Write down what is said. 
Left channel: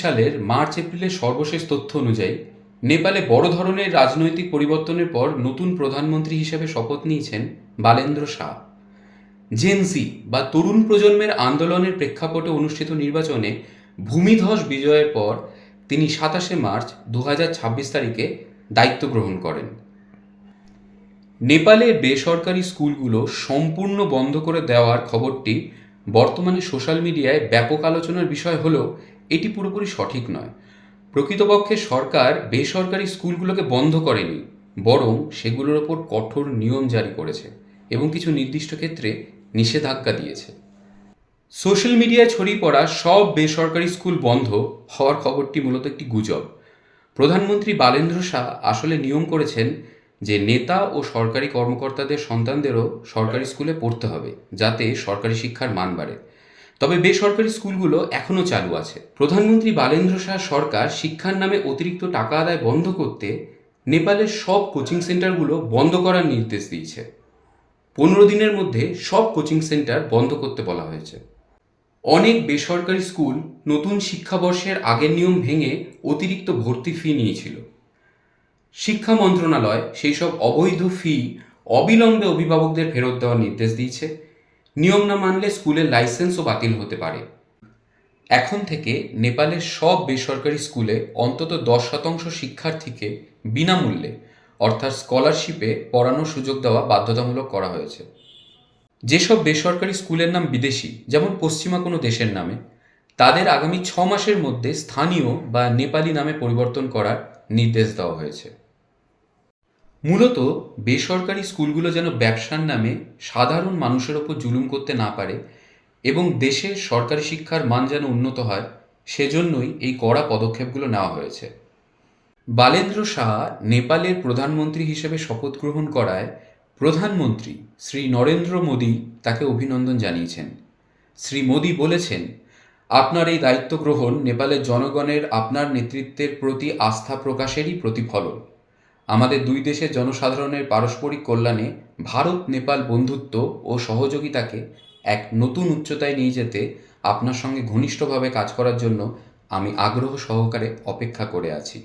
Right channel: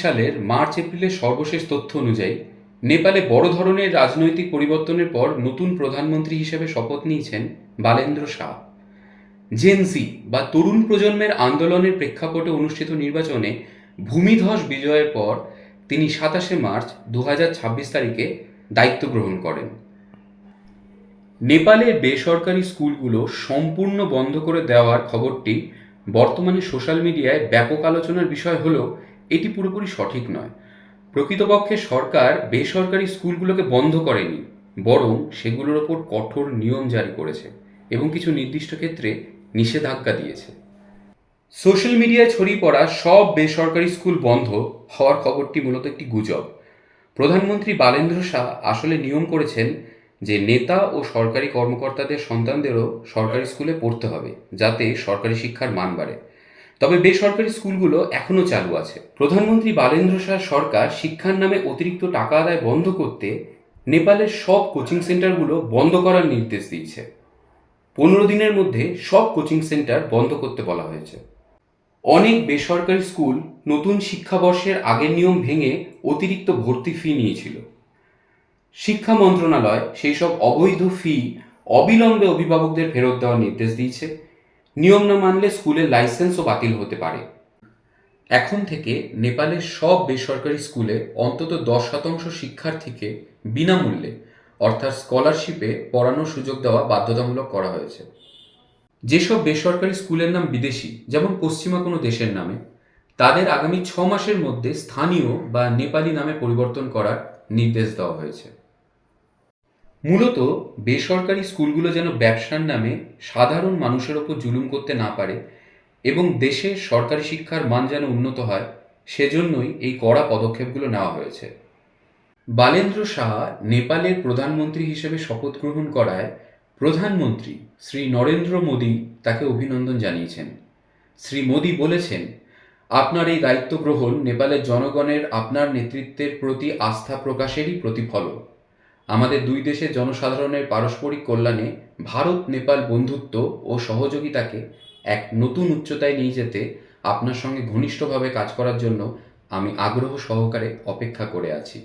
সালের মার্চ এপ্রিলের সর্বশেষ তথ্য অনুযায়ী নেপালে বড় ধরনের রাজনৈতিক পরিবর্তনের পর নতুন প্রধানমন্ত্রী হিসেবে শপথ নিয়েছেন বালেন্দ্র শাহ। জেনজি বা তরুণ প্রজন্মের আন্দোলনের প্রেক্ষাপটে অনুষ্ঠিত নির্বাচনে ভূমিধস বিজয়ের পর তিনি ২৭ মার্চ ২০২৬ দায়িত্ব গ্রহণ করেন। নেপালের বেসরকারি স্কুলগুলো সম্পূর্ণ বন্ধ করে দেওয়ার খবরটি বর্তমানে সোশ্যাল মিডিয়ায় ব্যাপক আলোচনার বিষয় হলেও এটি পুরোপুরি সঠিক নয়। প্রকৃতপক্ষে সরকার বেসরকারি স্কুলগুলোকে বন্ধ করেনি, বরং সেগুলোর ওপর কঠোর নিয়ম জারি করেছে এবং কিছু নির্দিষ্ট ক্ষেত্রে নিষেধাজ্ঞা দিয়েছে। সোশ্যাল মিডিয়ায় ছড়িয়ে পড়া সব বেসরকারি স্কুল বন্ধ হওয়ার খবরটি মূলত একটি গুজব। প্রধানমন্ত্রী বালেন্দ্র শাহ আসলে নিয়ম করেছেন যে নেতা ও সরকারি কর্মকর্তাদের সন্তানদেরও সরকারি স্কুলে পড়তে হবে, যাতে সরকারি শিক্ষার মান বাড়ে। তবে বেসরকারি স্কুলগুলো এখনও চালু আছে। প্রধানমন্ত্রী বালেন্দ্র শাহ সরকার শিক্ষার নামে অতিরিক্ত টাকা আদায় বন্ধ করতে নেপালের সব কোচিং সেন্টারগুলো বন্ধ করার নির্দেশ দিয়েছে। 15 দিনের মধ্যে সব কোচিং সেন্টার বন্ধ করতে বলা হয়েছে। অনেক বেসরকারি স্কুল নতুন শিক্ষাবর্ষের আগের নিয়ম ভেঙে অতিরিক্ত ভর্তি ফি নিয়েছিল। শিক্ষা মন্ত্রণালয় সেই সব অবৈধ ফি অবিলম্বে অভিভাবকদের ফেরত দেওয়ার নির্দেশ দিয়েছে। নিয়ম না মানলে স্কুলের লাইসেন্সও বাতিল হতে পারে। এখন থেকে নেপালের সব বেসরকারি স্কুলে অন্তত 10% শিক্ষার্থীকে বিনামূল্যে অর্থাৎ স্কলারশিপে পড়ানোর সুযোগ দেওয়া বাধ্যতামূলক করা হয়েছে। যেসব বেসরকারি স্কুলের নাম বিদেশি, যেমন পশ্চিমা কোনো দেশের নামে, তাদের আগামী 6 মাসের মধ্যে স্থানীয় বা নেপালি নামে পরিবর্তন করার নির্দেশ দেওয়া হয়েছে। মূলত বেসরকারি স্কুলগুলো যেন ব্যবসার নামে সাধারণ মানুষের ওপর জুলুম করতে না পারে এবং দেশের সরকারি শিক্ষার মান যেন উন্নত হয়, সেজন্যই এই কড়া পদক্ষেপগুলো নেওয়া হয়েছে। বালেন্দ্র শাহ নেপালের প্রধানমন্ত্রী হিসেবে শপথ গ্রহণ করায় প্রধানমন্ত্রী শ্রী নরেন্দ্র মোদী তাকে অভিনন্দন জানিয়েছেন। শ্রী মোদী বলেছেন, আপনার এই দায়িত্ব গ্রহণ নেপালের জনগণের আপনার নেতৃত্বের প্রতি আস্থা প্রকাশেরই প্রতিফলন। আমাদের দুই দেশের জনসাধারণের পারস্পরিক কল্যাণে ভারত নেপাল বন্ধুত্ব ও সহযোগিতাকে এক নতুন উচ্চতায় নিয়ে যেতে আপনার সঙ্গে ঘনিষ্ঠভাবে কাজ করার জন্য আমি আগ্রহ সহকারে অপেক্ষা করে আছি।